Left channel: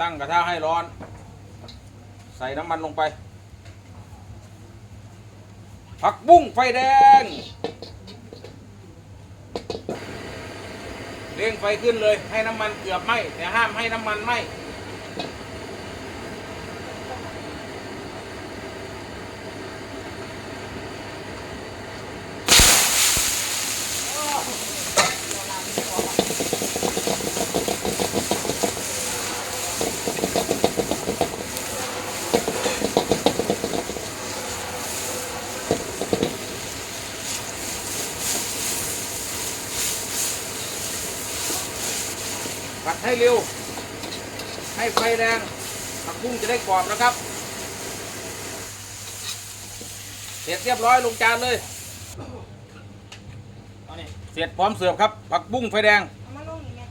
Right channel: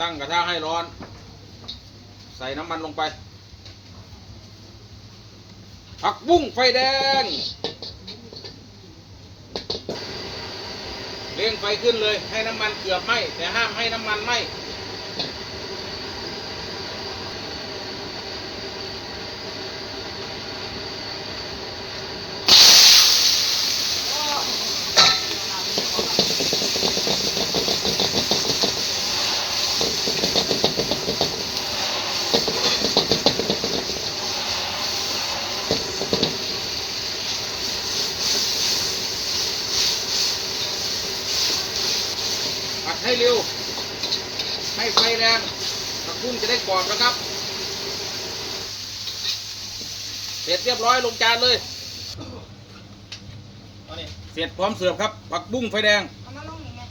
ตั้งกระทะให้ร้อน ใส่น้ำมันลงไป ผักบุ้งไฟแดงเร่งไฟขึ้นเลยให้น้ำมันเกือบไหมแต่ห้ามให้น้ำมันไหม ผัดให้เร็ว ให้ไฟแดงผักบุ้งจะได้กรอบแล้วครับ เสร็จเรียบร้อยลงจานเลยเสร็จพร้อมเสิร์ฟครับ ผักบุ้งไฟแดง เอามาลงอีกไหม